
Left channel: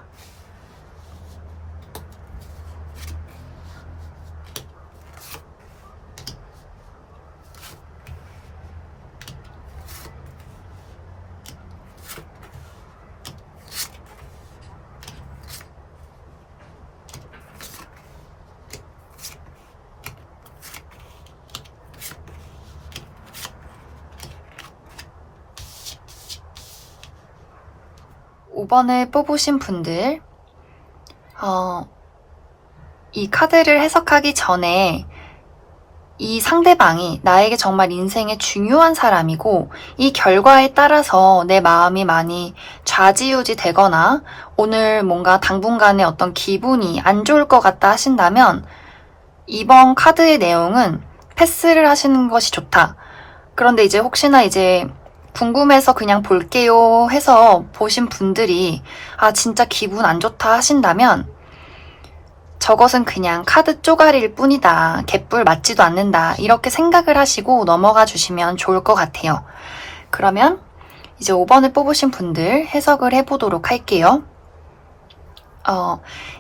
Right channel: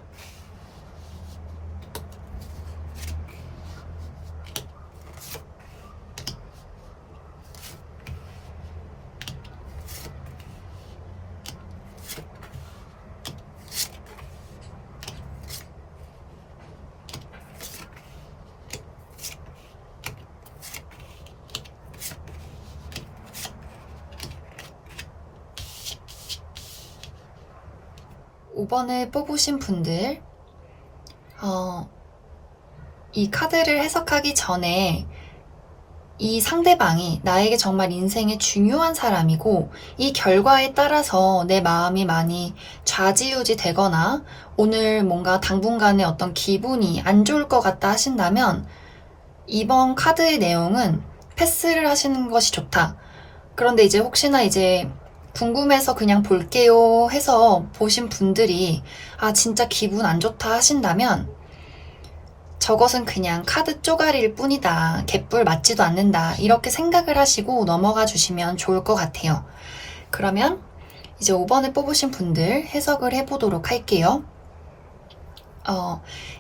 5번을 뽑으신 분들, 이 카드를 해석하기 전에 이 상대방이 나에게 정말 인생에 중요한 사람이고 이 결과에 따라서 내 마음이 많이 좌지우지 되거나 오늘 뭔가 당분간의 어떤 기분이 안 좋을 것 같다 하신다면 이번 카드의 내용은 패스를 하시는 것이 좋다. 그런데 이제 혹시나 이제 궁금해서 그냥 볼게요 해서 보신 분들이 진짜 기분 안 좋다 하신다면 저것은 그냥 카드 쪼가리일 뿐이다. 개뿔 맞지도 않는다. 이렇게 생각을 하시고 넘어가 주시면 좋을 것 같아요. 그러면 이제 5번을 뽑으신 분들 해석을 해보도록 할게요.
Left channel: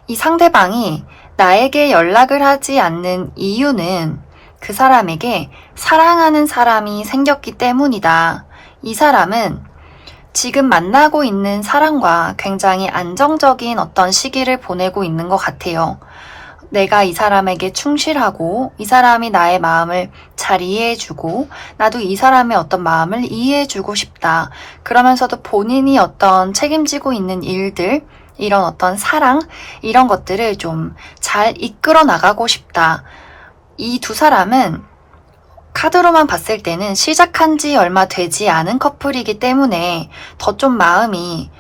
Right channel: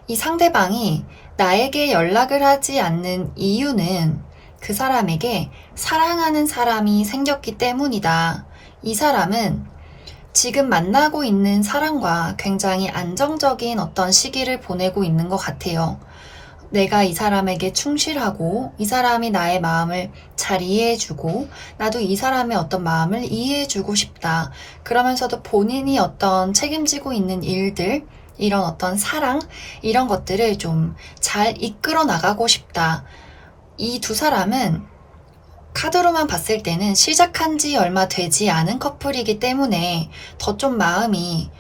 이 상대방이 나에게 연락을 하지 않는 이유는 그 사람에게 사랑하는 사람이 생겼기 때문이다. 이 사람은 지금 만나고 있는 사람과 굉장히 안정적인 어떤 시기를 보내고 있는 것 같아요. 내가 이 사람에게 충실하고 이 사람이 나의 마음을 잘 이해해주고 나도 이 사람의 어떤 마음을 이해해주고 싶다. 그러면서도 본인이 어떤 책임지고 있는 일들, 이런 어떤 사랑, 이런 것들을 좀 잘 이끌어 나가고 싶다. 이 두 사람은 카드로만 봤을 때는 시작한 지 얼마 되지 않은 커플이기 때문에 더 좀 마음이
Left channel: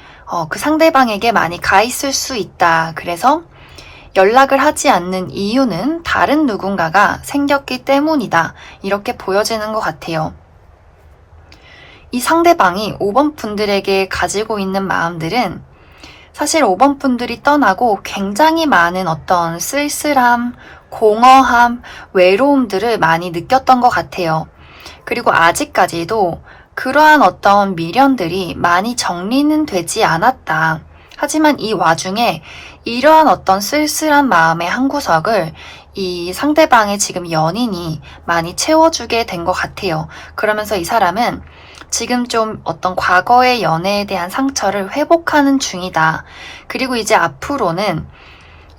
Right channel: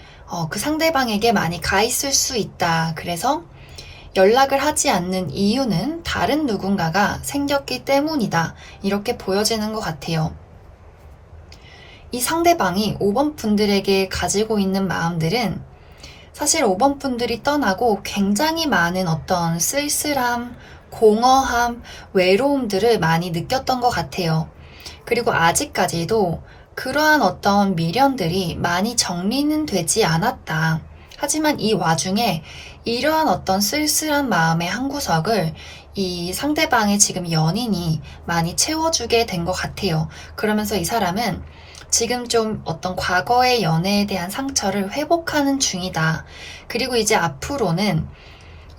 그 상대방에게 많이 가 있을 수 있다. 그래서 연락을 하지 않는 이유는 다른 누군가가 생겼기 때문이다. 이렇게 보여지는 것 같아요. 이 상대방이 5번 분들에게 가지고 있는 마음들은 사실 5번 분들이 떠나고 굉장히 많은 어떤 쓸쓸함, 공허함, 외로움들을 많이 느꼈던 것 같아요. 그리고 아직까지도 그러한 어떤 미련들이 많이 정리는 되지 않았다. 하지만 이 와중에 이러한 어떤 쓸쓸한 마음의 한 구석을 이 상대방의 지금 연인이 많이 채워주게 된 것 같아요. 그러면서 이 사람은 지금 좀 어떤 과거의 연애에 대한 상처를 회복하는 중이다. 그리고 이제 앞으로는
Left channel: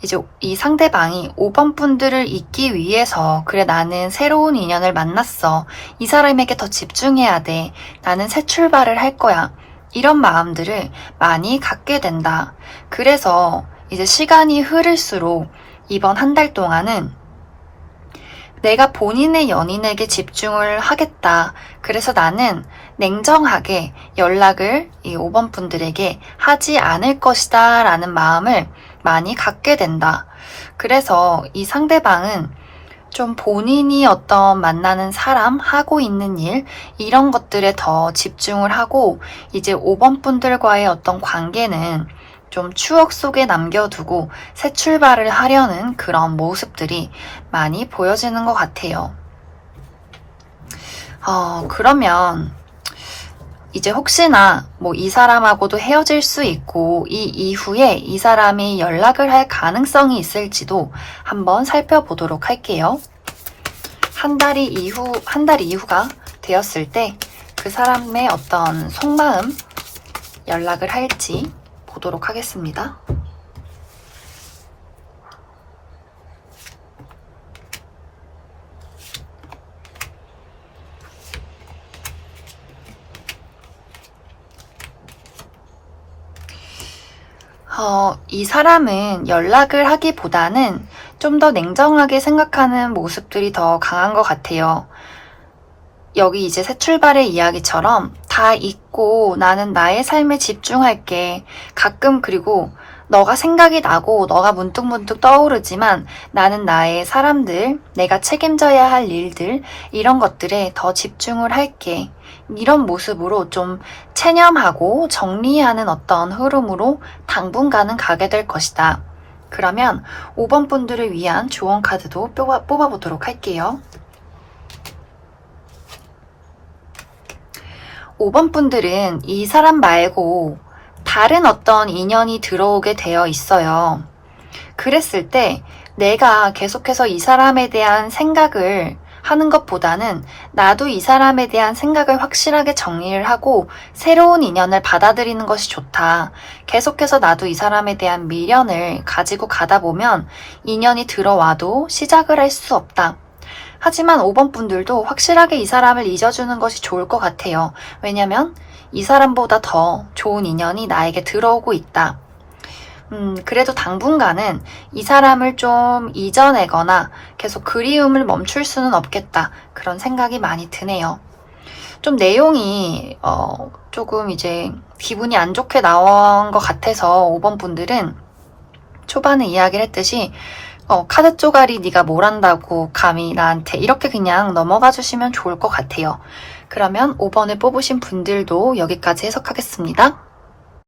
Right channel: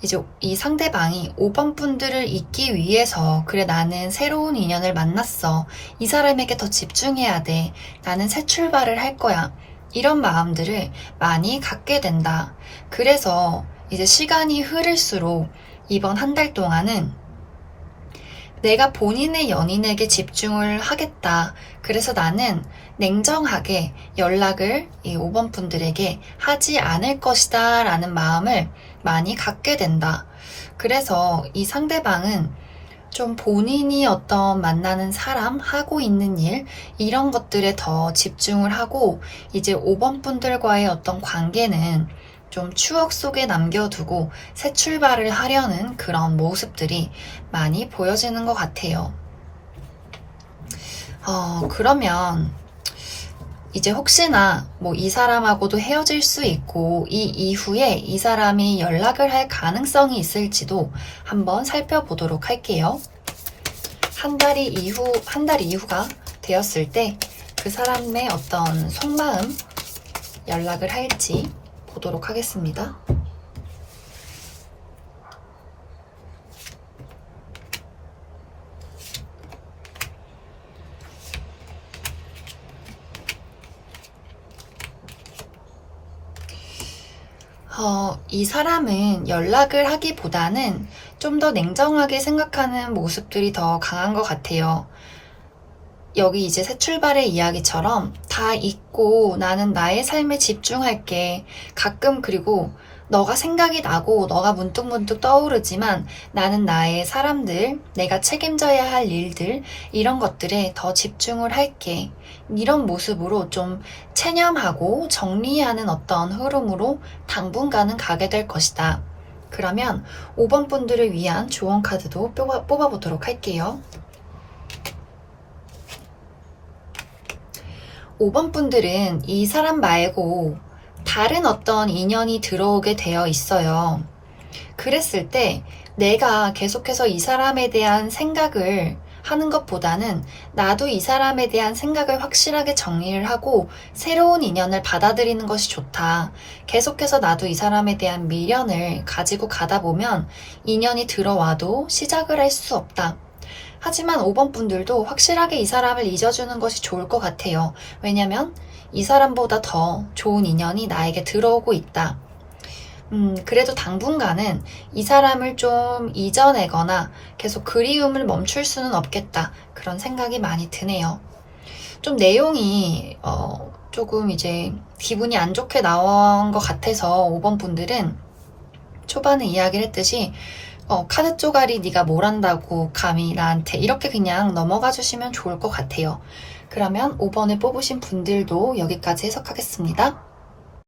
이제 이 상대방이 5번 분들을 잊기 위해서 그래 나는 새로운 인연을 만났어. 이 사람에게 더 집중해야 돼. 나는 새 출발을 할 거야. 이런 마음들을 많이 갖게 된다. 그래서 이제 시간이 흐를수록 이번 한 달 동안은 내가 본인의 연인에게 집중을 하겠다. 그래서 나는 냉정하게 연락을 이 5번 분들에게 하지 않을 것이다 라는 마음을 많이 갖게 된다. 그래서 이 상대방은 좀 본인이 어떤 만나는 사람, 하고 있는 일, 이런 것들에 더 집중을 하고 이제 5번 분들과의 어떤 관계는 좀 추억 속에 남겨두고 새 출발을 하려는 그런 모습들이 많이 보여지는 것 같아요. 그러면 이제 혹시나 이 사람하고도 헤어질 수 있고 이 이후에 이 사람이 연락을 할 가능성이 있을지도 한번 살펴보도록 할게요. 한 달 이후가 되었을 때 그 사람의 어떤 속마음 연락을 할지 보도록 하겠습니다. 이 사람은 연락을 하기보다는 좀 더 냉정하게 생각하는 모습들이 더 강한 것 같아요. 여기 이제 새 출발의 이야기처럼 다 잊고 나는 나의 삶에 집중할게. 가끔 그리고 너가 생각이 나고 너가 문득문득 떠오르지만 나는 나의 사람들, 내가 책임져야 할 일들, 이런 것들에 더 집중을 할게. 이런 모습으로 좀 체념하고 정리하는 어떤 흐름으로 당분간은 가게 될 것이다. 그러면 5번 분들을 위한 조언 카드도 뽑아보도록 할게요. 5번 분들은 이 사람 말고 다른 어떤 인연이 들어오게 되어 있어요. 그랬을 때 내가 계속해서 이 사람에 대한 생각을 하는 것보다는 나도 이 사람에 대한 생각을 확실하게 정리를 하고 새로운 인연을 받아들이는 것이 좋다. 계속해서 나도 이 사람에 대한 미련을 가지고 가다 보면 인연이 들어와도 시작을 할 수 없다. 하지만 5번 분들도 확실하게 이 사람을 잊어주는 것이 좋을 것 같아요. 왜냐면 이 사람보다 더 좋은 인연이 나에게 들어오고 있다. 그래도 당분간은 이 사람을 좀 잊어내거나 계속 그리움을 멈출 수는 없겠다. 그런 생각이 많이 드네요. 좀 내용이 조금 이제 기분이 안 좋게 나온 것 같아서 5번 분들은 초반에 이야기를 했듯이 카드 쪼가리 네가 뭘 안다고 감히 나한테 이렇게 그냥 넘어가 주시면 좋을 것 같아요. 그러면 5번을 뽑으신 분들도 여기까지 해석하겠습니다.